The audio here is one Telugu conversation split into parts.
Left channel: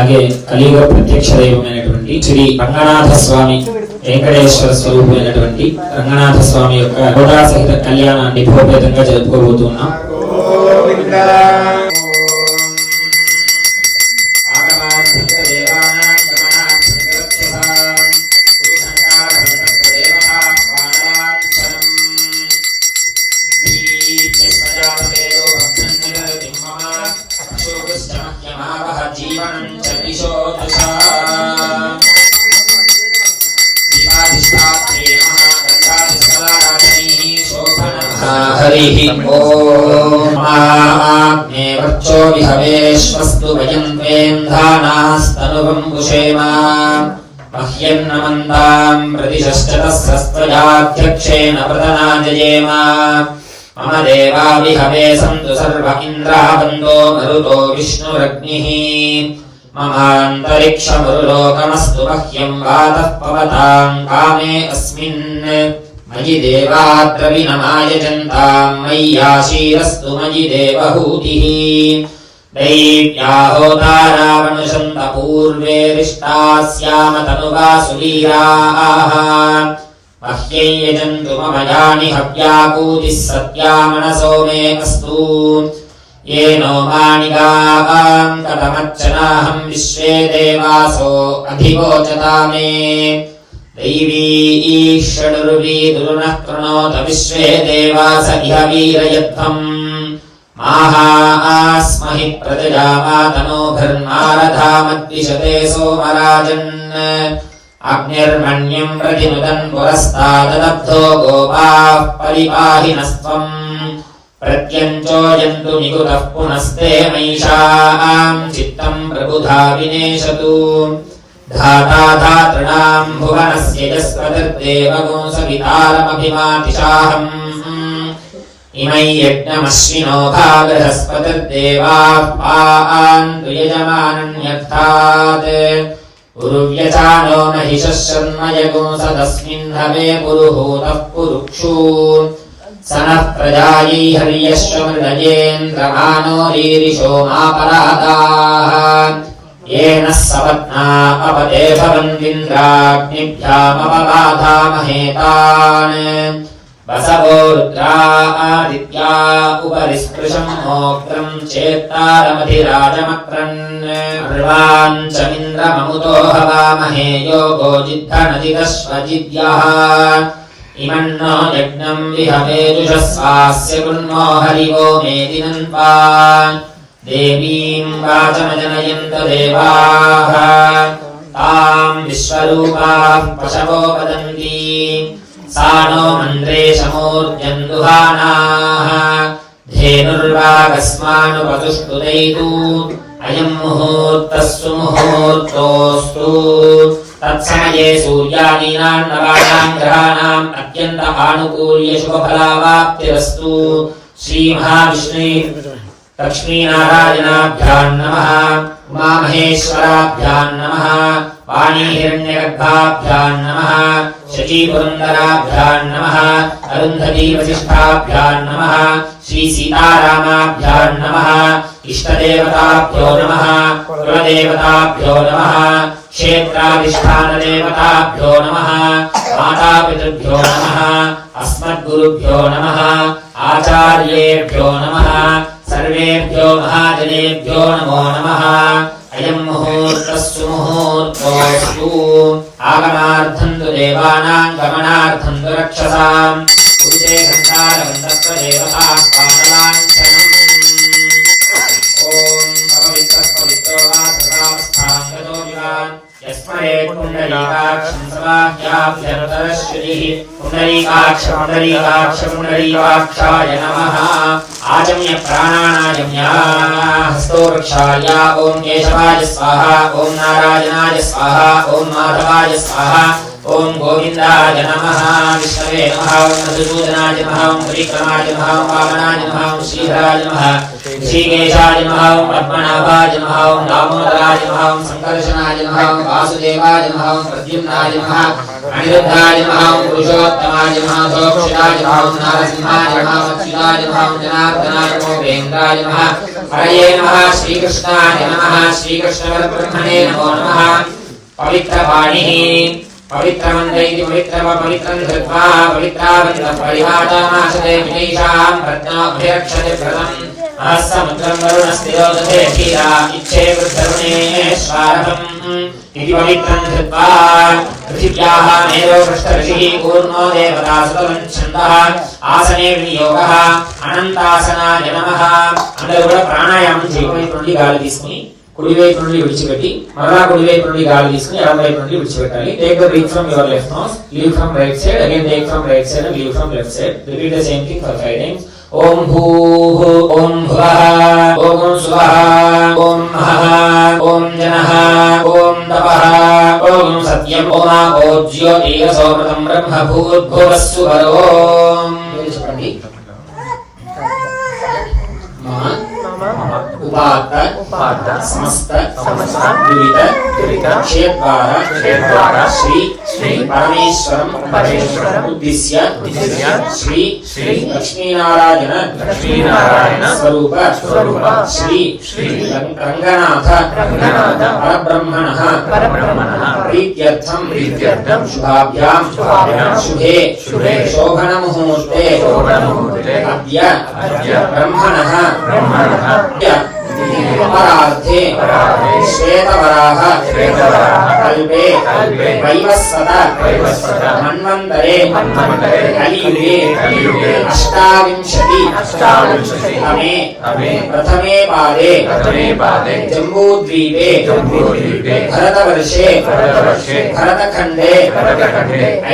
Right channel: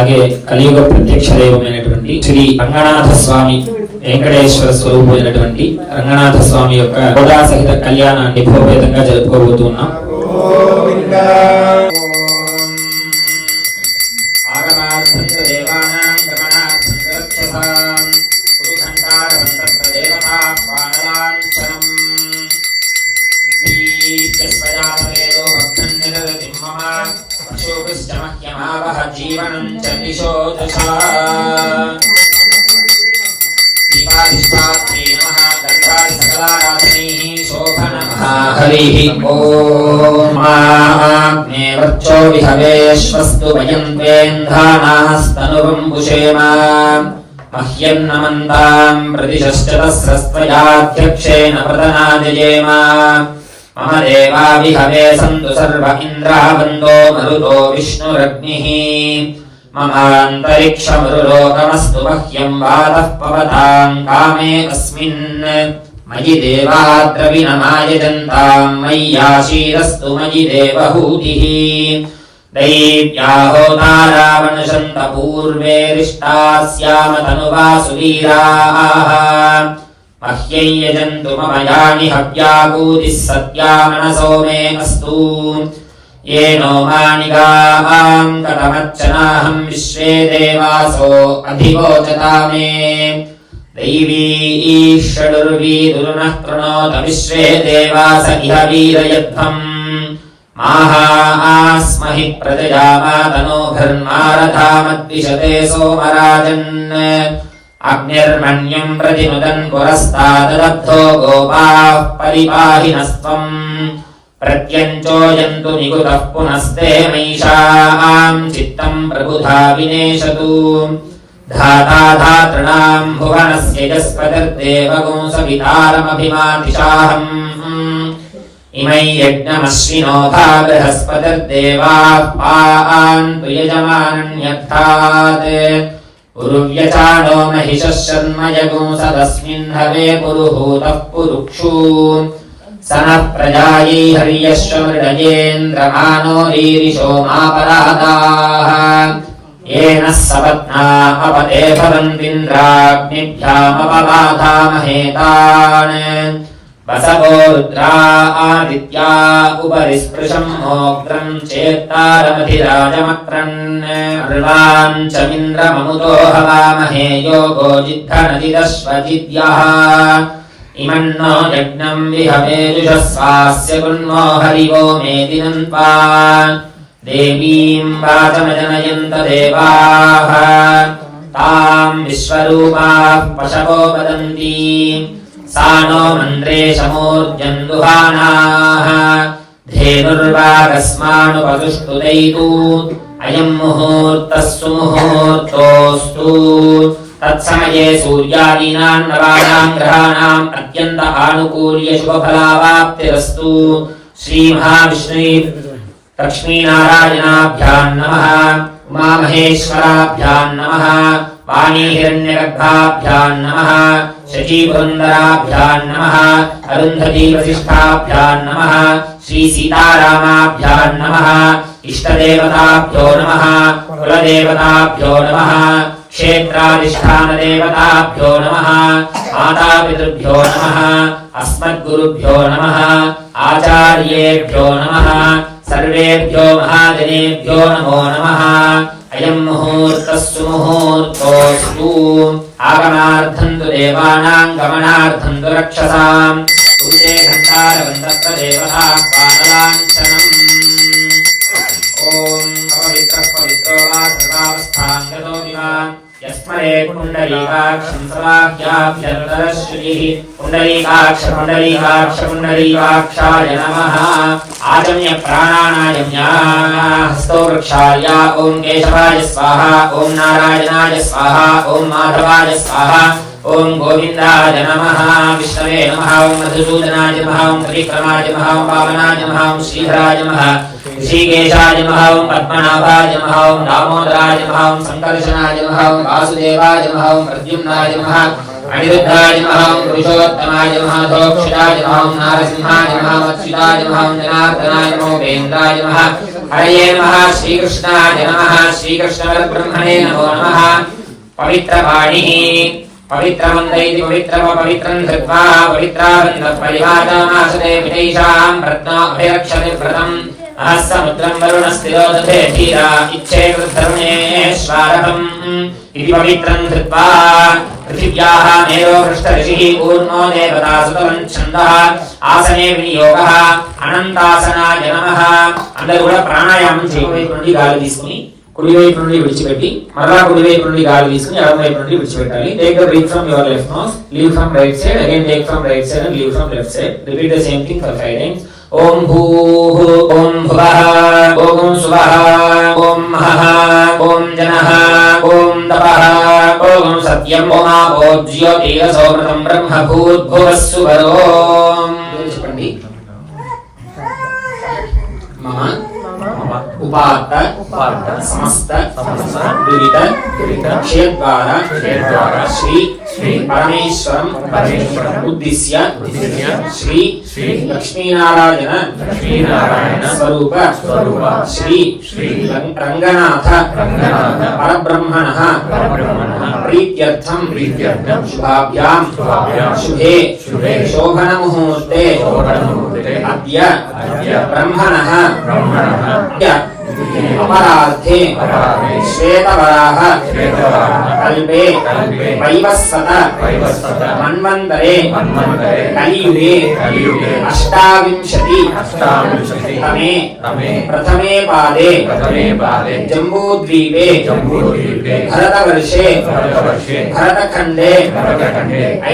అలాగే కలియుగ ప్రత్యక్ష దైవమైనటువంటి శ్రీ రంగనాథ స్వామి వెంకటేశ్వర స్వరూపమైనటువంటి రంగనాథ స్వామి యొక్క హోదా సహిత కళ్యాణాన్ని భవ్యంగా జరుపుకోబోతున్నాం. ो विहवेश्वस्तु वयं वेन्धानास्तनुवं कुशेमा मह्यन्नमन्तां प्रतिशश्चतस्रस्त्रयाध्यक्षेण व्रतनाजयेम मम देवा विहवे सन्तु सर्व इन्द्रः बन्धो मरुतो विष्णुरग्निः ममान्तरिक्षमरुलोकमस्तु मह्यं वातः पवतां कामे अस्मिन् मयि देवाद्रविणमायजन्तां मय्याशीरस्तु मयि देवहूतिः दैव्या होतारावनुशन्त पूर्वे रिष्टास्याम तनुवासुवीराः मह्यै यजन्तु मम यानि हव्यापूतिः सत्या मनसो मे अस्तु येनो मानिकां कथमर्चनाहं विश्वे देवासो अधिवोचता मे दैवी षडुर्वीदुर्नः कृणोत विश्वे देवास इह वीरयध्वम् माहास्महि प्रजयामातनोभिर्मारथामद्विषते सोमराजन् अग्निर्मण्यम् प्रतिनुदन् पुरस्तादलब्धो गोपाः परिपाहिनस्त्वम् प्रत्यञ्चोयन्तु निकुतः पुनस्ते मैषाम् चित्तम् प्रबुधा विनेशतु धाता धातॄणाम् भुवनस्य यस्पतिर्देवगुंसवितारमभिमातिशाहम् इमै यज्ञमश्विनोधा बृहस्पतिर्देवाः पान्तु यजमानन्यर्थात् पुरुव्यचानो महिषः शर्म यगुंसदस्मिन् हवे पुरुहूतः पुरुक्षु स नः प्रजायै हर्यश्वमृडयेन्द्रमानो रीरिषो मापरादाः येन सपत्ना अपते भवन्तीन्द्राग्निभ्यामपबाधामहेतान् वसवो रुद्रा आदित्या उपरि स्पृशम् मोग्रम् चेत्तारमधिराजमक्रन् अर्वाञ्चमिन्द्रममुतो हवामहे योगो जिद्धनजिदश्वजिद्यः इमन्नो यज्ञम् विहवेजुषस्वास्य गुण्मो हरिवो मेदिनन्त्वा देवीम् वाचमजनयन्त देवाः ताम् विश्वरूपाः पशवो वदन्ति सा नो मन्द्रेशमूर्जन् दुहानाः धेनुर्वागस्मानुपतुष्टुदैतु अयम् मुहूर्तः सुमुहूर्तोऽस्तु तत्समये सूर्यादीनाम् नवानाम् ग्रहाणाम् अत्यन्त आनुकूल्य शुभफलावाप्तिरस्तु श्रीमहाविष्णु लक्ष्मीनारायणाभ्याम् नमः उमामहेश्वराभ्याम् नमः वाणीहिरण्यगर्भाभ्याम् नमः शचीपुरन्दराभ्याम् नमः अरुन्धतीवसिष्ठाभ्याम् नमः श्रीसीतारामाभ्याम् नमः इष्टदेवताभ्यो नमः कुलदेवताभ्यो नमः क्षेत्राधिष्ठानदेवताभ्यो नमः मातापितृभ्यो नमः अस्मद्गुरुभ्यो नमः आचार्येभ्यो नमः सर्वेभ्यो महाजनेभ्यो नमो नमः अयम् मुहूर्तः सुमुहूर्तोऽस्तु आगमार्थम् तु देवानाम् गमनार्थम् तु रक्षसाम् कुरुते घण्टारवन्दत्तदेवताः पादलाञ्छनम् ॐ अपवित्रः पवित्रो वा सर्वावस्थाम् गतो विवान् यस्मरेत् पुण्डरीकाक्षम् समाह्याभ्यन्तरश्रुतिः पुण्डरीकाक्षाय नमः आचम्य प्राणानायम्या हस्तो वृक्षाय ॐ केशवाय स्वाहा ॐ नारायणाय स्वाहा ॐ माधवाय स्वाहा ॐ गोविन्दाय नमः विष्णवे नमः ॐ मधुसूदनाय नमः ॐ त्रिविक्रमाय नमः ॐ वामनाय नमः ॐ श्रीधराय नमः ऋषिकेशाय नमः ॐ पद्मनाभाय नमः ॐ दामोदराय नमः ॐ संकर्षणाय नमः ॐ वासुदेवाय नमः ॐ प्रद्युम्नाय नमः अनिरुद्धाय नमः पुरुषोत्तमाय नमः सोक्षिताय नमः नारसिंहाय नमः मत्स्यिताय नमः जनार्दनाय नमो वेन्द्राय नमः हरये नमः श्रीकृष्णाय नमः श्रीकृष्णपरब्रह्मणे नमो नमः पवित्रवाणिः पवित्रमन्त्रैति पवित्रं धृत्वा पवित्रावन्दपरिवाचनमासने विदेशां रत्नमभयरक्षति व्रतम् अहस्समुद्रं वरुणस्थिरोदधे धीरा इच्छेतद्धर्मेश्वारभम् इति पवित्रं धृत्वा पृथिव्याः मेरो पृष्ठऋषिः पूर्णो देवता सुतलं छन्दः आसने विनियोगः अनन्तासनाय नमः అందరూ కూడా ప్రాణాయామం చేయబోయే నుండి గాలి తీసుకుని కుడి వైపు నుండి విడిచిపెట్టి మరలా కుడి వైపు నుండి గాలి తీసుకుని ఎడమ వైపు నుండి విడిచిపెట్టాలి. Take the breath from your left nose, leave from right side, again take from right side and leave from left side. Repeat the same thing for 5 times. ఓం భూః ఓం భువః ఓం స్వః ఓం మహః ఓం జనః ఓం తపః ఓం సత్యం ఓం ఆపో జ్యోతిరసోమృతం బ్రహ్మ భూద్భువస్సు వరోం. చెప్పండి. మమ उपात्त समस्त दुरित क्षेत्रद्वारा श्री परमेश्वरं उद्दिश्य श्री लक्ष्मीनारायण स्वरूप श्री रंगनाथ परब्रह्मणः प्रीत्यर्थं शुभाभ्यां शुभे शोभनमुहूर्ते अद्य ब्रह्मणः अपरार्थे श्वेतवराह कल्पे वैवस्वत मन्वन्तरे कलियुगे अष्टाविंशति तमे प्रथमे पादे जम्बूद्वीपे भरतवर्षे भरतखण्डे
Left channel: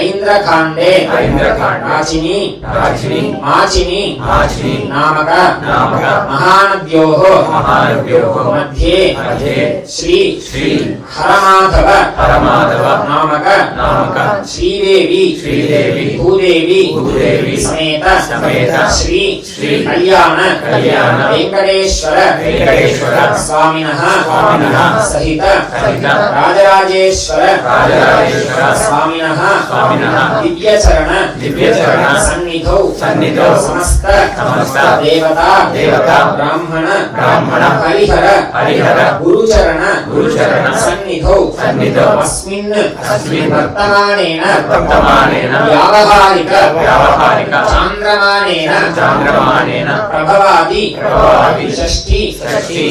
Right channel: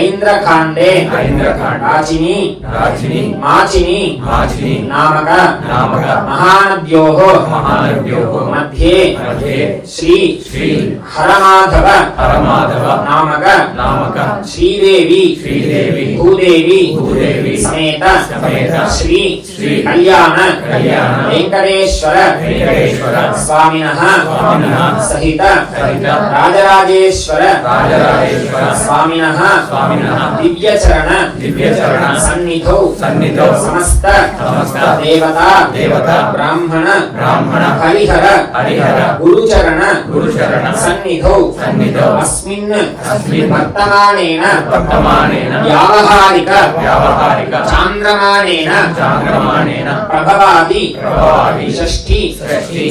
ऐन्द्रकाण्डे माचिनी नामक महानद्योः मध्ये श्री हरमाधव नामक श्रीदेवी भूदेवी समेत श्री कल्याण वेंकटेश्वर स्वामिनः सहित राजराजेश्वर स्वामिनः दिव्यचरण सन्निधौ समस्त देवता ब्राह्मण हरिहर गुरुचरण सन्निधौ अस्मिन् वर्तमानेन व्यावहारिक चान्द्रमानेन प्रभवादि षष्ठी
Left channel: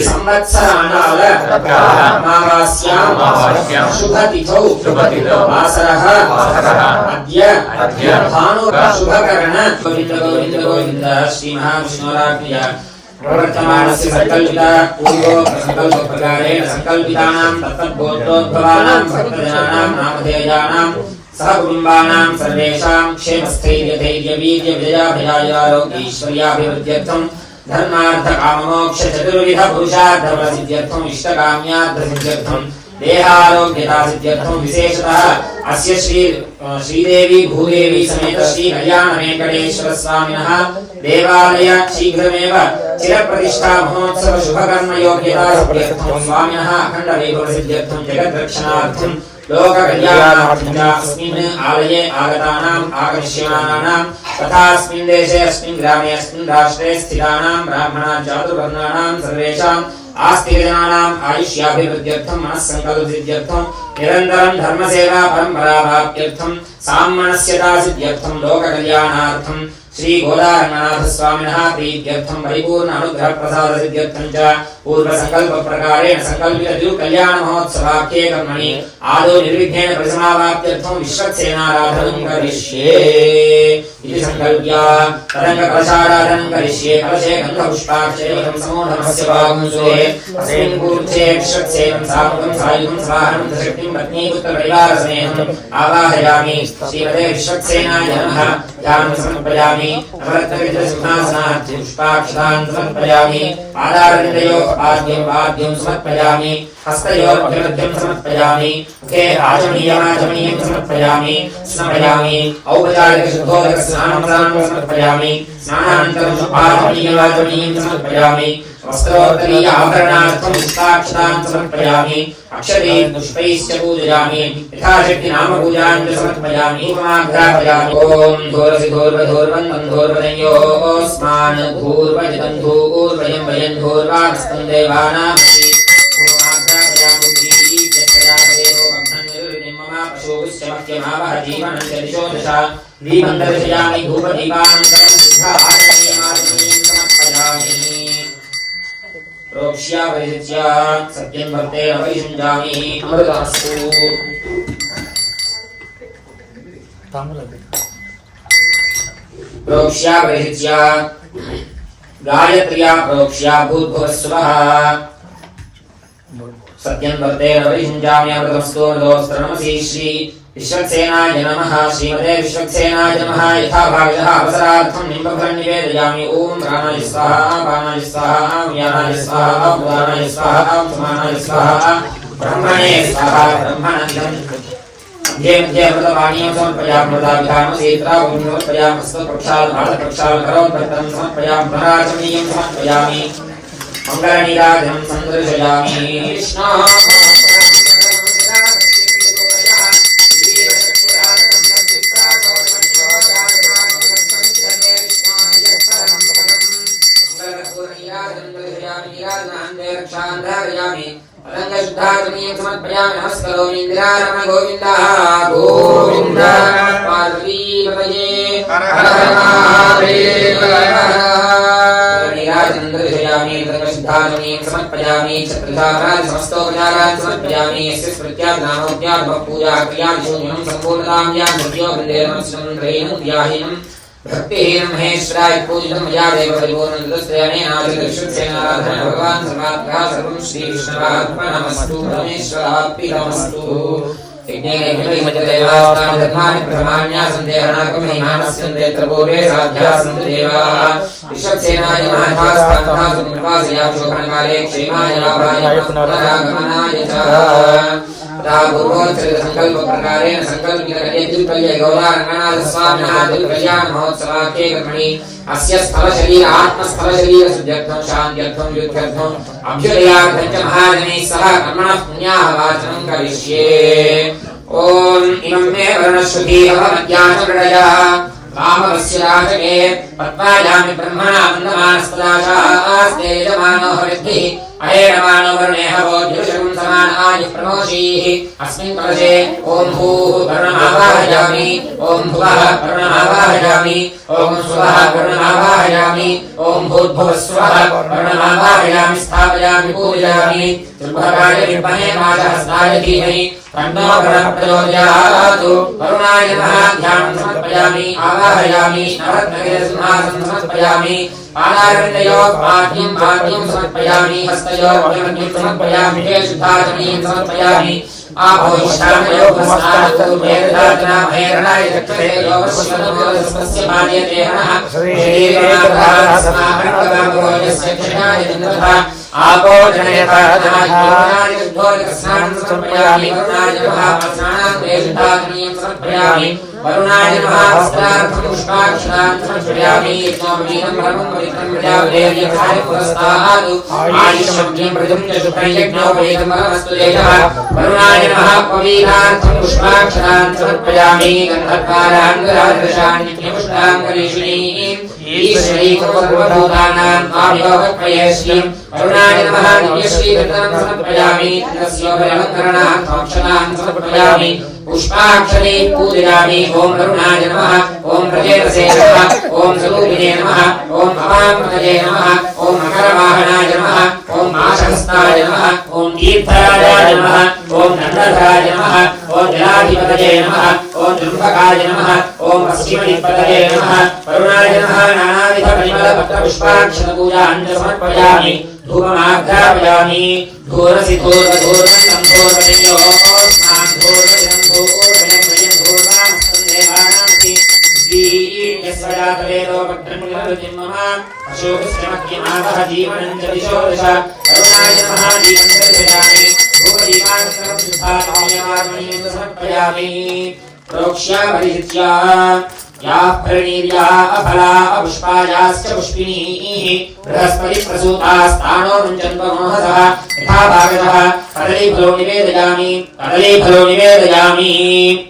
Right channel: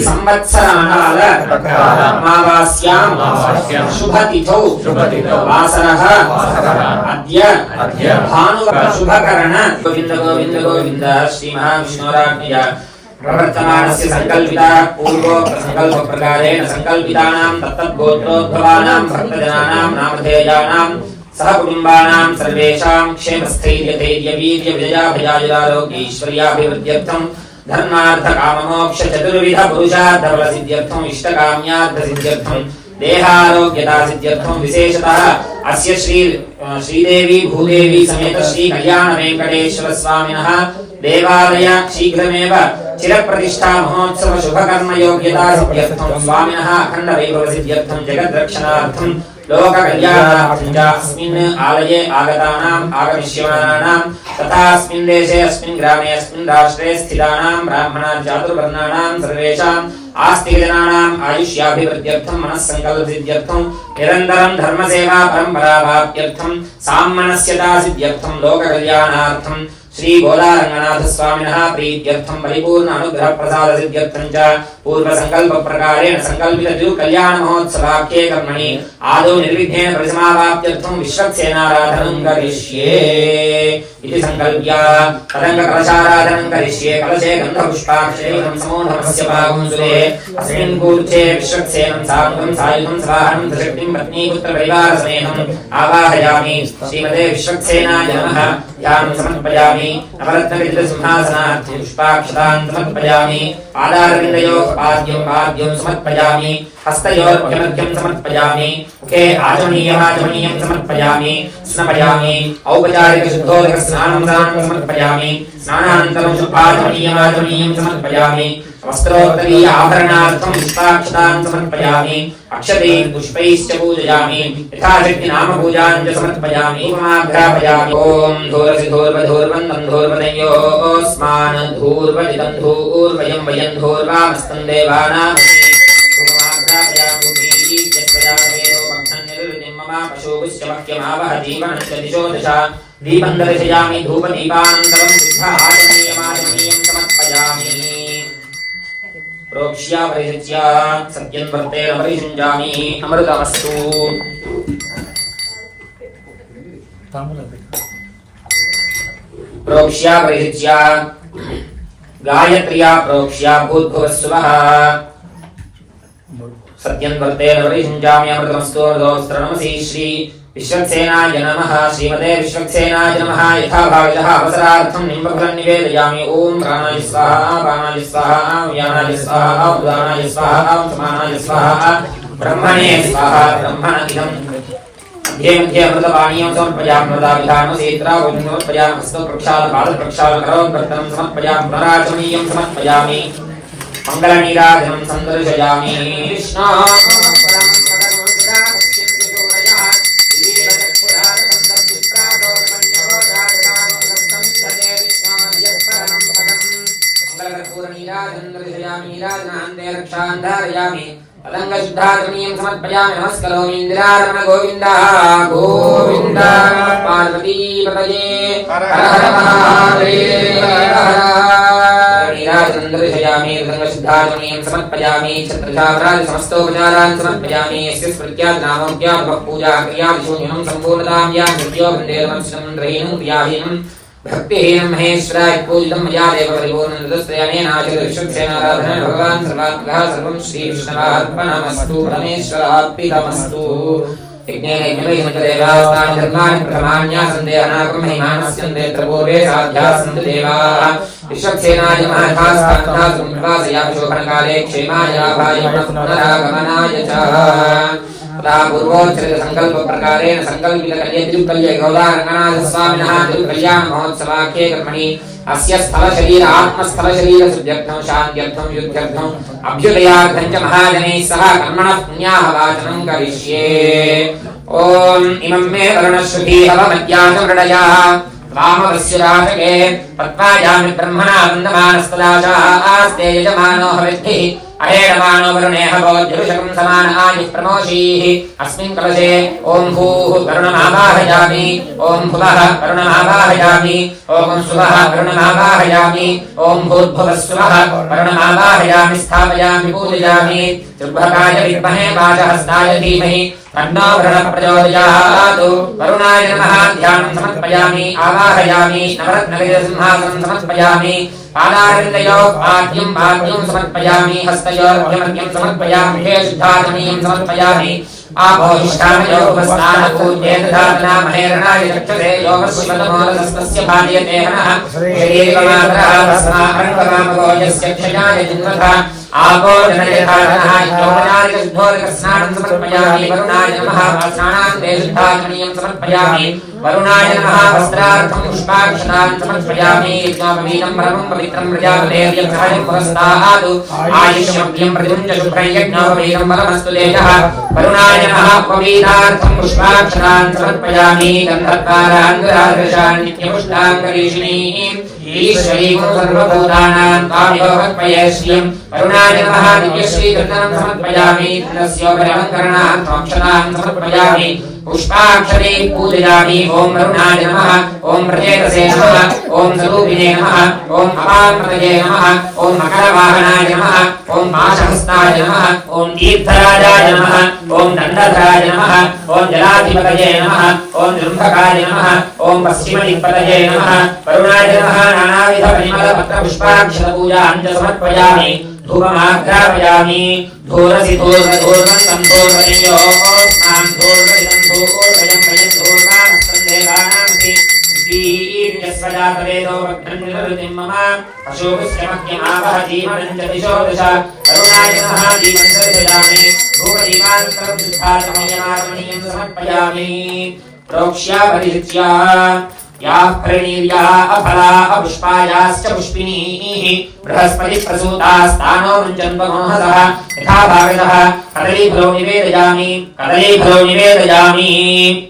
संवत्सराणाल अमावास्यां शुभतिथौ वासरः अद्य भानु शुभकरण गोविन्द गोविन्द गोविन्द श्री महाविष्णुराज्ञया प्रवर्तमानस्य संकल्पिता पूर्वो संकल्प प्रकारेण संकल्पितानां तत्तद्गोत्रोद्भवानां भक्तजनानां नामधेयानां सहकुटुम्बानां सर्वेषां क्षेमस्थैर्यधैर्यवीर्यविजयाभयारोग्यैश्वर्याभिवृद्ध्यर्थं धर्मार्थकाममोक्षचतुर्विध पुरुषार्थफलसिद्ध्यर्थं इष्टकाम्यार्थसिद्ध्यर्थं देहारोग्यतासिद्ध्यर्थं विशेषतः अस्य श्रीदेवी भूदेवी समेत श्री कल्याण वेंकटेश्वर स्वामिनः देवालय शीघ्रमेव चिरप्रतिष्ठा महोत्सव शुभकर्म योग्यता सिद्ध्यर्थं स्वामिनः अखण्ड वैभव सिद्ध्यर्थं जगद्रक्षणार्थं लोक कल्याणार्थं च अस्मिन् आलये आगतानाम् आगमिष्यमानानां तथा अस्मिन् देशे अस्मिन् ग्रामे अस्मिन् राष्ट्रे स्थितानां ब्राह्मणां चातुर्वर्णानां सर्वेषाम् आस्तिकजनानाम् आयुष्याभिवृद्ध्यर्थं मनस्सङ्कल्पसिद्ध्यर्थं निरन्तरं धर्मसेवा परम्परावाप्त्यर्थं साम्मनस्यता सिद्ध्यर्थं लोककल्याणार्थं श्री गोदारंगनाथ स्वामिनः प्रीत्यर्थं परिपूर्ण अनुग्रह प्रसाद सिद्ध्यर्थं च पूर्व संकल्प प्रकारेण संकल्पित द्यु कल्याण महोत्सवाख्ये कर्मणि आदौ निर्विघ्नेन परिसमाप्त्यर्थं विश्वक्सेनाराधनं करिष्ये इति संकल्प्य तदङ्ग कलशाराधनं करिष्ये कलशे गन्धपुष्पाक्षेकं समूढमस्य पागुंसुले अस्मिन् कूर्चे विश्वक्सेनं सात्वं सायुधं सवाहनं दशक्तिं पत्नीपुत्र परिवारसमेतं आवाहयामि श्रीमते विश्वक्सेनाय नमः ध्यानं समर्पयामि नवरत्नविग्रहसिंहासनात् पुष्पाक्षतान् समर्पयामि आधारविन्दयोः पाद्यं समर्पयामि हस्तयोर्घ्यमध्यं समर्पयामि मुखे आचमनीयं समर्पयामि स्नापयामि औपचारिकशुद्धोदकस्नानं समर्पयामि स्नानानन्तरं शुद्धाचमनीयं समर्पयामि वस्त्रोत्तरीय आभरणार्थं पुष्पाक्षतां समर्पयामि अक्षतैः पुष्पैश्च पूजयामि यथाशक्ति नामपूजां च समर्पयामि समाघ्रापयामि ॐ धूरसि धूर्वधूर्वन्तं धूर्वदयोस्मान् धूर्वदितं धूर्वयं वयं धूर्वामस्तं देवानामसि पशुपुष्यमख्यमावह जीवनं च दिशो दश दीपं दर्शयामि धूपदीपानन्तरं शुद्धाचमनीयं समर्पयामि प्रोक्ष्या परिहृत्या सत्यं वर्तेन परिषुञ्जामि अमृतमस्तु प्रोक्ष्या परिहृत्या गायत्र्या प्रोक्ष्या भूद्भुवस्सुवः सत्यं वर्तेन परिषुञ्जामि अमृतमस्तु अमृतोऽस्त्रनमसि श्री विश्वक्सेनाय नमः श्रीमते विश्वक्सेनाय नमः यथा भागः अवसरार्थं निम्बफलं निवेदयामि ॐ प्राणाय स्वाहा बाणाय स्वाहा व्यानाय स्वाहा उदानाय स्वाहा समानाय स्वाहा ब्रह्मणे स्वाहा ब्रह्मणिदं मध्ये मध्ये अमृतपानीयं समर्पयामि मृदाभिधानसेत्रा समर्पयामि हस्तप्रक्षालपादप्रक्षालकरोद्भक्तं समर्पयामि पराचमनीयं समर्पयामि मङ्गलनीराजनं सन्दर्शयामि कृष्णा अलंगशुद्धात्मनीयं समर्पयामि नमस्करोमि इंद्रारमण गोविंद गोविंद पार्वती पतये हर हर महादेव नीराजनन्दर्शयामि अलंगशुद्धात्मनीयं समर्पयामि छत्रधावराज समस्तोपचारान् समर्पयामि यस्य स्मृत्यानामोद्या पूजा क्रिया विशून्यं सम्पूर्णतां या सत्यो वन्देनं चन्द्रेण व्याहिनं भक्तिहीनं महेश्वराय पूजितं मया देव परिपूर्णं तदस्त्रयणेन आचरिष्यसेनाराधनं भगवान् सर्वात्मकः सर्वं श्रीकृष्णार्पणमस्तु परमेश्वरार्पितमस्तु यज्ञेन यज्ञमयमदेवास्तानि धर्माणि प्रथमान्यासं देहनाकमहिमानस्यन्ते प्रपूर्वे साध्यासन्तु देवाः विश्वक्सेनाय महाभास्तान्भासयामि शोभनकाले क्षेमाय लाभाय पुनरागमनाय च पूर्वोच्चरित संकल्प प्रकारेण संकल्पित कल्यद्युत्कल्य गौरारंगनाथ स्वामिनः दुर्कल्याण महोत्सवाख्ये कर्मणि अस्य स्थल शरीर आत्म स्थल शरीर सुध्यर्थं शान्त्यर्थं युद्धर्थं अभ्युदयार्थं च महाजनैः सह कर्मणः पुण्याः वाचनं करिष्ये ओम इमं मे वर्णश्रुति हवमज्ञातमृडयः वामवस्य राजके पत्नायामि ब्रह्मणा वन्दमानस्तदाचास्ते यजमानो हविद्भिः अहेरमानो वरुणेह वोज्जुषं समान आयुः प्रमोषीः अस्मिन् कलशे ॐ भूः वरुणमावाहयामि ॐ भुवः वरुणमावाहयामि ॐ सुवः वरुणमावाहयामि ॐ भूर्भुवः सुवः वरुणमावाहयामि स्थापयामि पूजयामि दुर्भगाय विद्महे माशहस्ताय धीमहि तन्नो भुवः प्रचोदयात् वरुणाय नमः ध्यानं समर्पयामि आवाहयामि नवरत्नसिंहासनं समर्पयामि पादारविन्दयोः पाद्यं समर्पयामि हस्तयोर्घ्यमध्यं समर्पयामि शुद्धाचमनीयं समर्पयामि आपोहिष्ठामयोः स्नानपूर्वेदधातना महेरणाय चक्षुरे योगस्वतमोदस्तस्य भार्यते नमः श्रीदेवमातरस्माकर्मकामगोयस्य क्षणाय जिन्वथा आपो जनयतारणाय योगनाय शुद्धोदकस्नानं समर्पयामि वरुणाय नमः स्नानान्ते शुद्धाचमनीयं समर्पयामि वरुणाय नमः वस्त्रार्थं पुष्पाक्षतां समर्पयामि यज्ञोपवीतं परमं पवित्रं प्रजापतेर्यं पुरस्तादु आयुष्यज्ञं प्रजुञ्च शुभं यज्ञोपवीतं परमस्तु देवः वरुणाय नमः पवीतार्थं पुष्पाक्षतां समर्पयामि गन्धर्वाणाङ्गरादृशान् नित्यपुष्टाङ्गरीषिणीं ईश्वरीं सर्वभूतानां काव्योपयश्रियं वरुणाय नमः दिव्यश्रीरत्नं समर्पयामि तस्योपरिवकरणार्थं क्षतां समर्पयामि पुष्पाक्षते पूजयामि ओम वरुणाय नमः ओम प्रजेतसे नमः ओम सदूपिने नमः ओम अपामृतये नमः ओम मकरवाहनाय नमः ओम माशहस्ताय नमः ओम तीर्थराजाय नमः ओम दण्डधराय नमः ओम जलाधिपतये नमः ओम जृम्भकाय नमः ओम पश्चिमदिक्पतये नमः वरुणाय नमः नानाविध परिमलपत्रपुष्पाक्षतपूजां च समर्पयामि धूपमाघ्रापयामि धूरसि धूर्वधूर्वन्तं धूर्वदयोः स्नान् धूर्वदिनं धूर्वयं वयं धूर्वामस्तं देवानामसि दीयस्वजातवेदो भद्रं निरवतिं मम अशोकस्यमध्यमावह जीवनं च दिशो दश वरुणाय नमः दीपं दर्शयामि धूपदीपानन्तरं शुद्धात्मयमागमनीयं समर्पयामि प्रोक्ष्य परिचित्य याः प्रणीर्याः अफला अपुष्पायाश्च पुष्पिणीः बृहस्पतिप्रसूतास्तानो मुञ्चन्वमोहसः यथा भागतः कदलीफलो निवेदयामि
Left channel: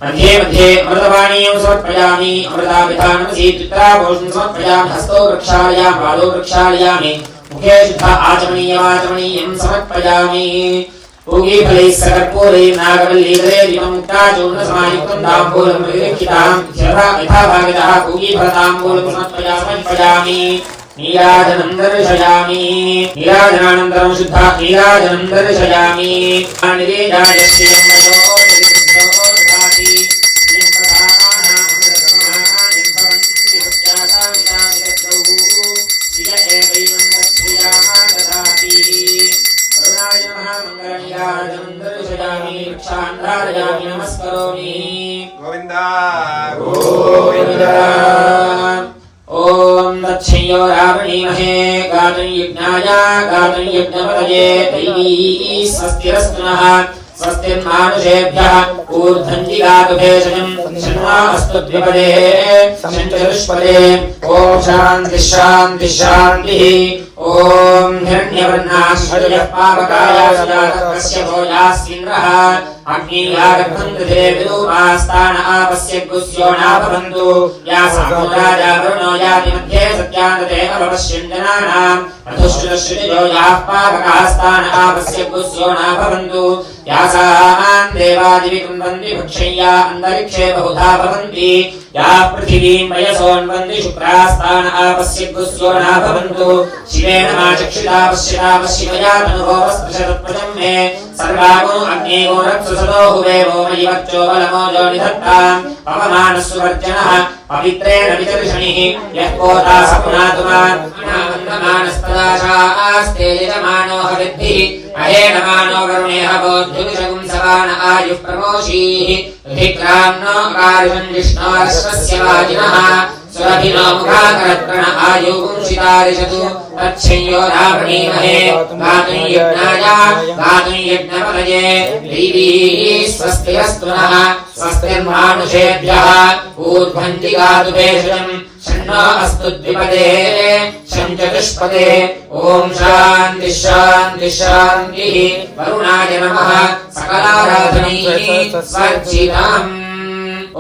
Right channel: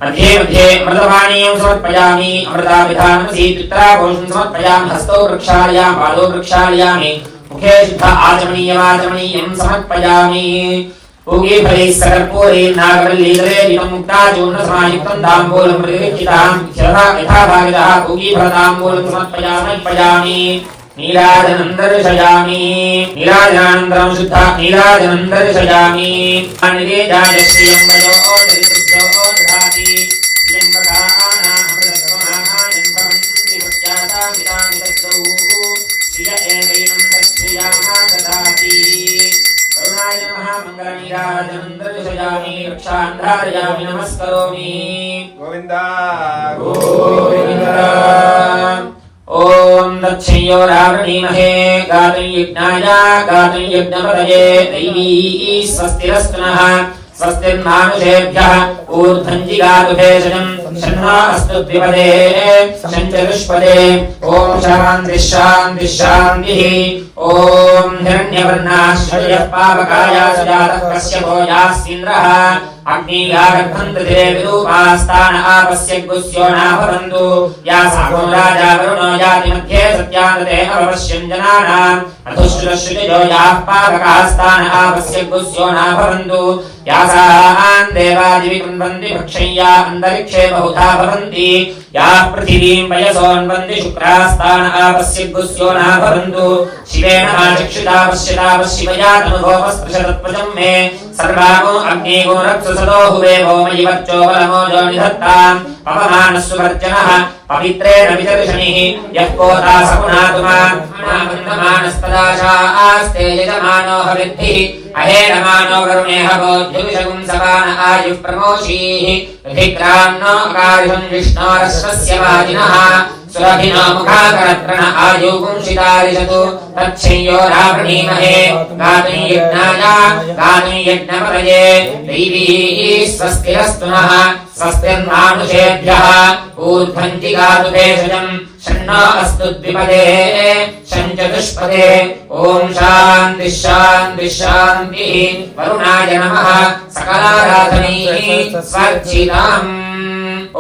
मध्ये मध्ये अमृतपानीयं समर्पयामि अमृताभिधानं सीत्युत्तरापोषं समर्पयामि हस्तौ वृक्षालयामि पादौ वृक्षालयामि मुखे शुद्ध आचमनीयं समर्पयामि पूगीफलैः सकर्पूरैः नागवल्लीदले दीपमुक्ताचूर्णसमायुक्तं ताम्बूलं प्रतिगृह्यतां यथा भागितः पूगीफलताम्बूलं समर्पयामि नीराजनं दर्शयामि नीराजनानन्तरं शुद्ध नीराजनं दर्शयामि निवेदायश्रियं वयो निरुद्धो ददाति गोविंदा ओम दक्षियो रावणीमहे गातुयज्ञाय गातुयज्ञपतये दैवी स्वस्तिरस्तु नः स्वस्तिर्मानुषेभ्यः ऊर्ध्वञ्जिगातुभेषजं शन्नो अस्तु द्विपदे शञ्चतुष्पदे ॐ शान्तिः ॐ हिरण्यवर्णाश्वर्यः पावकायासुजातः कश्यपो यास्तीन्द्रः अग्नियागन्धे विदूपास्तान आपस्य गुस्यो नाभवन्तु या सामोराजा वरुणो याति मध्ये सत्यानते अवश्यं जनानाम् अधुश्रुतश्रुतिजो याः पावकास्तान आपस्य गुस्यो नाभवन्तु यासान् देवादिविकुन्वन्ति भक्षय्या अन्तरिक्षे बहुधा भवन्ति या पृथिवीं वयसोन्वन्ति शुक्रास्तान आपस्य गुस्यो नाभवन्तु शिवेन आचक्षुता पश्यता तनुभोवस्पृशतत्वजं मे सर्वागो अग्नेगो रक्षसदो हुवे भौमयि वच्चो बलमोजो निधत्ताम् पवमानस्वर्जनः पवित्रेण विदर्शनिः यः कोता सपुनातुमा मानस्तदाशास्ते यजमानो हविद्भिः अहेणमानो वरुणेह बोद्धुविषगुं सवान आयुः प्रमोषीः धिक्रान्नो अकारिषं विष्णोरश्वस्य वाजिनः सुरभिनो मुखाकरत्रण आयुपुंसितारिषतु तच्छ्यो रावणीमहे गातुयज्ञपतये दैवी स्वस्तिरस्तु नः स्वस्तिर्मानुषेभ्यः ऊर्ध्वञ्जिगातुभेषजं शन्नो अस्तु द्विपदे शञ्चतुष्पदे ॐ शान्तिः वरुणाय नमः सकलाराधनैः स्वर्चिताम्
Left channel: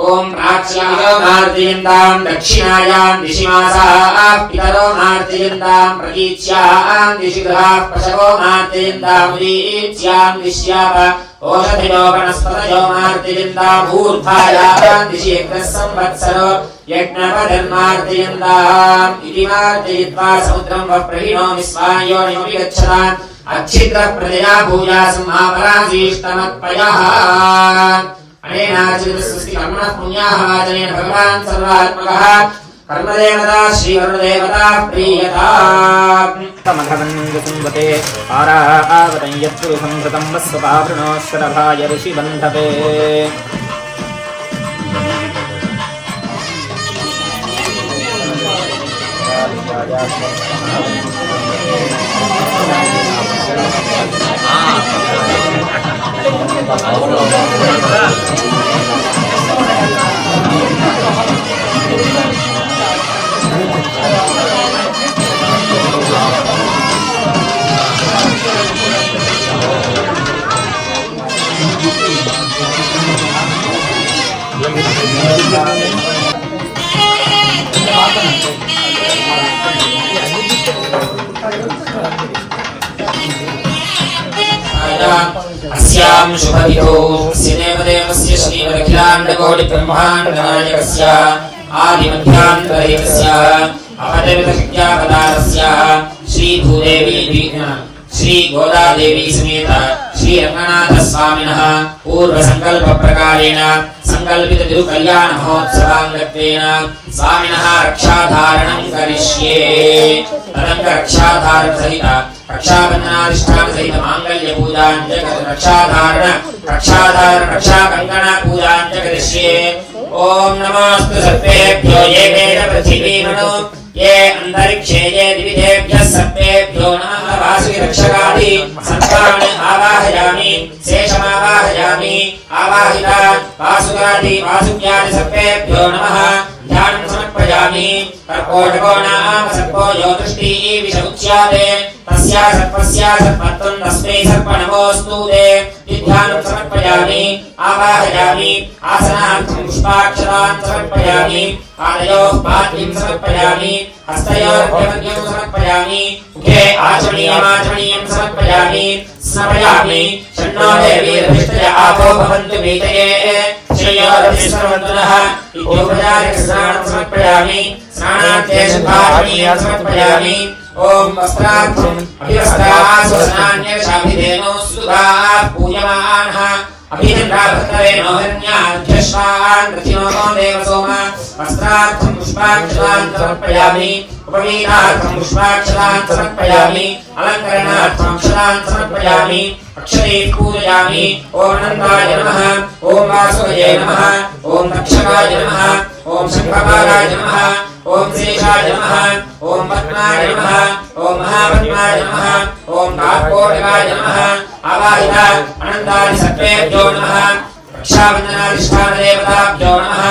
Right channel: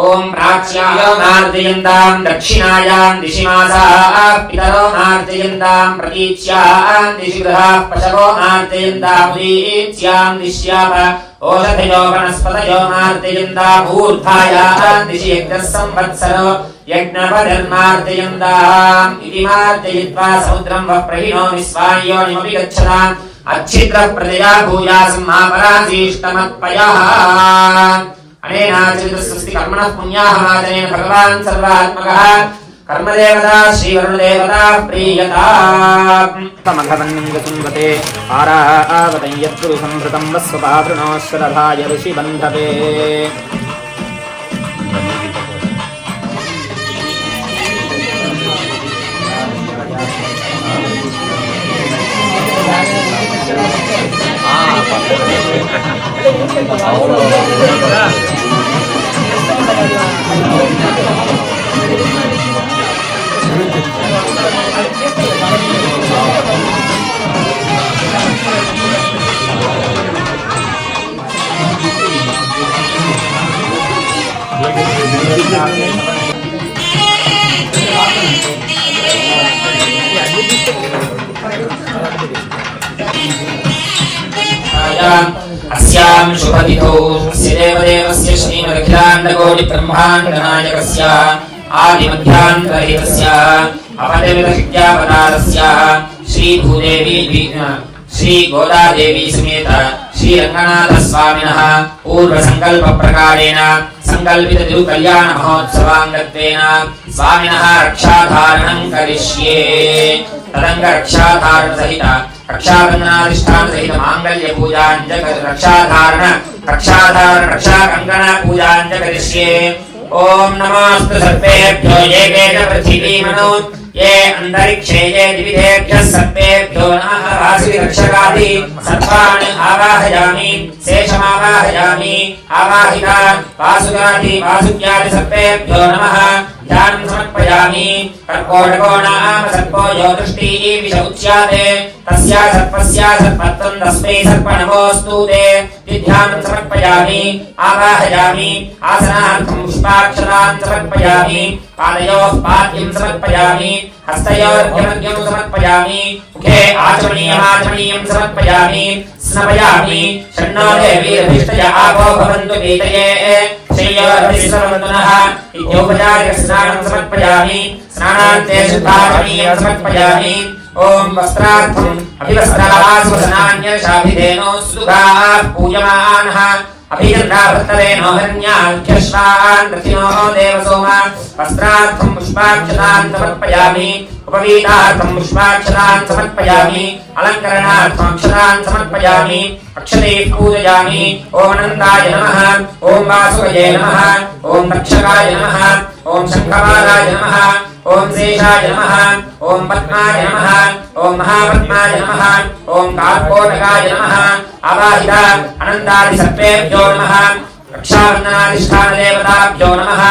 ओम प्राच्यां मार्जयन्तां दक्षिणायां दिशिमासाः पितरो मार्जयन्तां प्रतीच्यां दिशिगृहाः पशवो मार्जयन्तां प्रीत्यां दिश्याः ओषधयो वनस्पतयो मार्जयन्ताम् ऊर्ध्वायां दिशि यज्ञः संवत्सरो यज्ञपतिर्मार्जयन्ताम् इति मार्जयित्वा समुद्रं वप्रहिणो विश्वायोनिमपि गच्छताम् अच्छिद्रप्रजया भूयासम् आपराधीष्टमत्पयः अनेनाचरितस्वस्ति कर्मणः पुण्याः मादरेण भगवान् सर्वात्मकः कर्मदेवता श्रीवरुणदेवता प्रीयता मघवन्विसुम्बते पारावतं यद्गुरु संभृतं वस्वपावृणो शरभाय ऋषिबन्धवे अस्यां शुभतिथौ देवदेवस्य श्रीमदखिलाण्डकोटिब्रह्माण्डनायकस्य आदिमध्यान्तरहितस्य अपदेवतविद्यापदारस्य श्रीभूदेवी श्रीगोदादेवी समेत श्रीरङ्गनाथस्वामिनः पूर्वसङ्कल्पप्रकारेण संकल्पिततिरुकल्याण महोत्सवाङ्गत्वेन स्वामिनः रक्षाधारणं करिष्ये तदङ्ग रक्षाधारण सहित रक्षाबन्धनाधिष्ठान सहित माङ्गल्य पूजां च रक्षाधारण रक्षाकङ्कण पूजां च करिष्ये ओम नमोऽस्तु सर्वेभ्यो ये केच पृथिवीमनु ये अन्तरिक्षे ये द्विविधेभ्यः सर्वेभ्यो नमः वासुरक्षकाभिः सर्वाणि सर्वाणि आवाहयामि शेषमावाहयामि आवाहिता वासुगादि वासुज्ञादि सर्वेभ्यो नमः ध्यानं समर्पयामि कर्कोटको नाम सर्पो यो दृष्टिः विष उच्यते तस्या सर्पस्या सर्पत्वं तस्मै सर्प नमोऽस्तु ते ध्यानं समर्पयामि आवाहयामि आसनार्थं पुष्पाक्षतान् समर्पयामि पादयोः पाद्यं समर्पयामि हस्तयोः अर्घ्यं समर्पयामि मुखे आचमनीयं समर्पयामि स्नपयामि षण्णो देवीरभिष्टय आपो भवन्तु वीतये श्रेयोरभिष्टवन्तुनः विद्योपचार्यस्नानं समर्पयामि स्नानान्ते शुद्धाचमनीयं समर्पयामि ओम वस्त्रार्थम् अभिवस्त्रासुस्नान्यशाभिधेनो सुधाः पूयमानः अभिनन्दाभक्तलेनो हन्याध्यश्वान् प्रतिनो देवसोमा वस्त्रार्थं पुष्पाक्षतान् समर्पयामि उपवीतार्थं पुष्पाक्षतान् समर्पयामि अलङ्करणार्थं अक्षतान् समर्पयामि अक्षते पूजयामि ओम अनन्ताय नमः ओम वासुदेवाय नमः ओम दक्षकाय नमः ओम शङ्खमालाय नमः ओम शेषाय नमः ओम पद्माय नमः ओम महापद्माय नमः ओम कालकोटिकाय नमः आवाहिता अनन्तानि सर्वेभ्यो नमः रक्षाबन्धनाधिष्ठानदेवताभ्यो नमः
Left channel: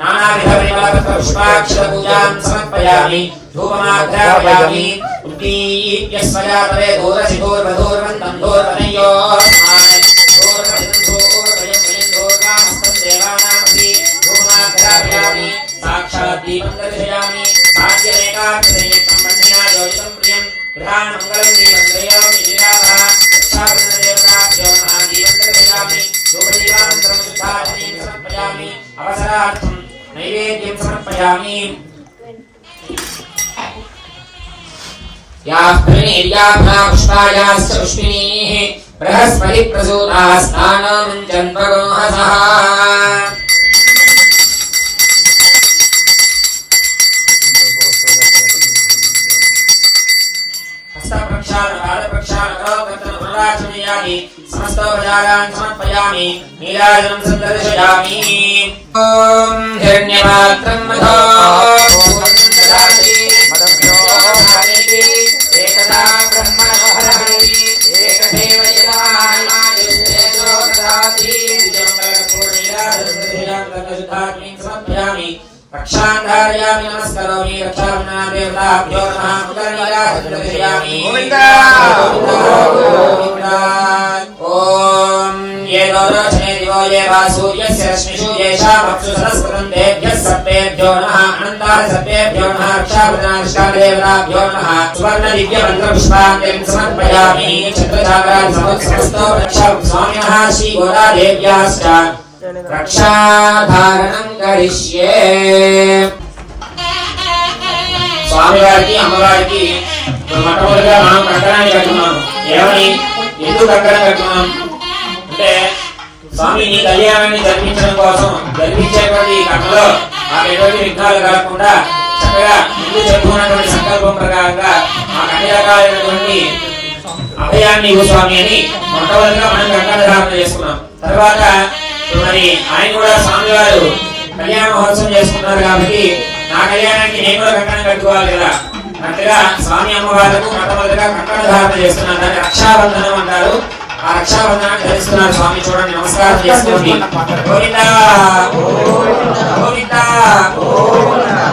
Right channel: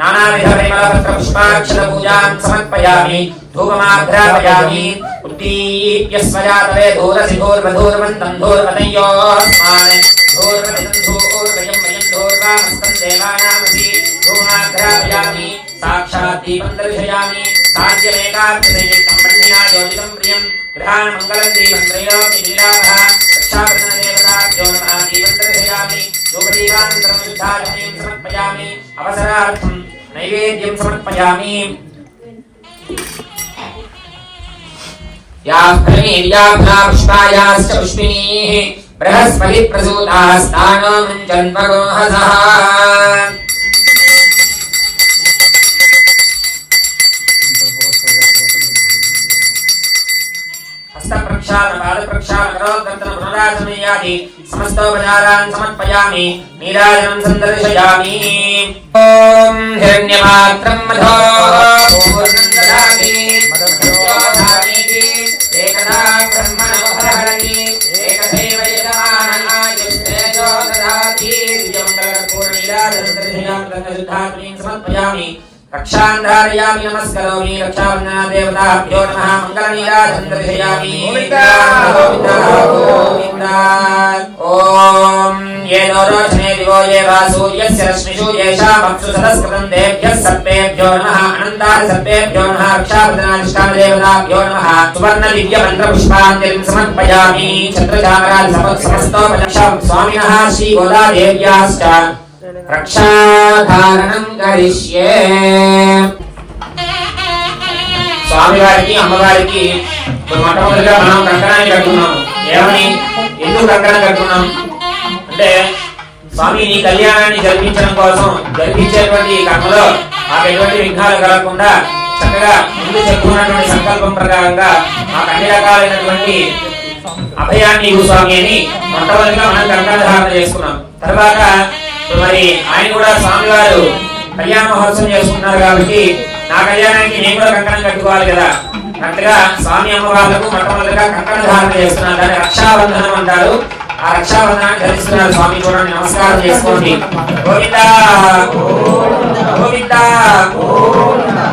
नानाविधपुष्पाक्षरपूजां समर्पयामि धूपमाघ्रापयामि उत्पीप्य स्मयातवे दूरसिधूर्वधूर्वन्तं धूर्वतयोस्मान् धूर्वयं देवानामसि धूमाघ्रापयामि साक्षात् दीपं दर्शयामि भाग्यमेकाग्रसंयुक्तं ब्रह्मणा योजितं प्रियं गृहान् मङ्गलं दीपं त्रयोऽपि निराभः रक्षाबन्धनदेवताभ्यो नमः दीपं दर्शयामि धूपदीपान्तरं शुद्धाचमनीं समर्पयामि अवसरार्थं नैवेद्यं समर्पयामि याः फलिनीर्याभ्या पुष्पायाश्च पुष्पिणीः बृहस्पतिप्रसूतास्तानो मुञ्चन्मगोहसः समस्तोपचारान् समर्पयामि नीराजनं सन्दर्शयामि ॐ हिरण्यपात्रं मधो पूर्णं ददामि एकदा ब्रह्मणोहरहरि एकमेव यदानायुष्येजो ददाति द्विजमङ्गलपूर्णनीराजनं समर्पयामि रक्षान् धारयामि नमस्करोमि रक्षाबन्धनादेवताभ्यो नमः मङ्गलनीराजनं दर्शयामि गोविन्दा गोविन्दा ॐ ये दोरोचने दिवो ये वा सूर्यस्य रश्मिषु येषामप्सु सदस्कृतं तेभ्यः सर्पेभ्यो नमः अनन्ताः सर्पेभ्यो नमः रक्षाबन्धनाधिष्ठानदेवताभ्यो नमः सुवर्णदिव्यमन्त्रपुष्पाञ्जलिं समर्पयामि छत्रचामराजसमस्तोपलक्ष्य स्वामिनः श्रीगोदादेव्याश्च रक्षाधारणं करिष्ये స్వామివారికి అమ్మవారికి మొట్టమొదటిగా మనం కంకణాన్ని కట్టుకున్నాం ఏమని ఎందుకు కంకణం కట్టుకున్నాం అంటే స్వామి ఈ కళ్యాణాన్ని జరిపించడం కోసం జరిపించేటువంటి కర్మలో మాకు ఎటువంటి విఘ్నాలు కలగకుండా చక్కగా ముందు చెప్పుకున్నటువంటి సంకల్పం ప్రకారంగా మాకు అన్ని రకాలైనటువంటి అభయాన్ని ఇవ్వు స్వామి అని మొట్టమొదటిగా మనం కంకణ ధారణ చేసుకున్నాం. తర్వాత మరి ఆయన కూడా స్వామి వారు కళ్యాణ మహోత్సవం చేసుకున్నారు కాబట్టి నా కళ్యాణానికి నేను కూడా కంకణం కట్టుకోవాలి కదా, కరెక్ట్గా స్వామి అమ్మవార్లకు మొట్టమొదటిగా కంకణ ధారణ చేస్తున్నారు. దాన్ని రక్షాబంధనం అంటారు. ఆ రక్షాబంధనాన్ని ధరిస్తున్నారు స్వామి. చూడండి, నమస్కారం చేసుకోండి. గోవిందా గోవిందా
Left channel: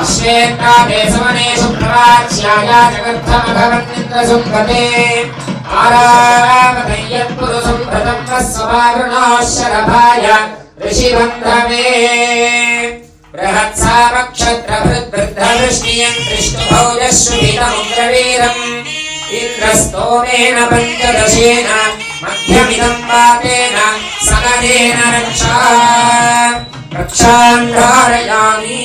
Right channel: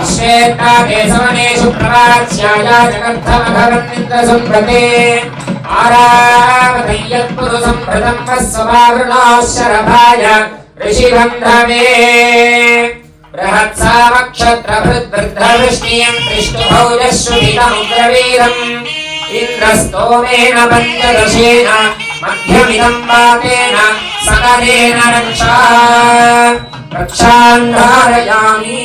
విశ్వేత్తాదేశవనేషు ప్రవాచ్యాయ జగద్ధమగవన్నింద్రసుప్రతే ఆరావదయ్యత్పురుషం భృతం వస్వవారుణోశరభాయ ऋषिबन्धवे बृहत्सामक्षत्रभृद्वृद्धवृष्टियं कृष्णभौजश्रुतितमुग्रवीरम् इन्द्रस्तोमेन पञ्चदशेन मध्यमिदं पातेन सकलेन रक्षान् धारयामि.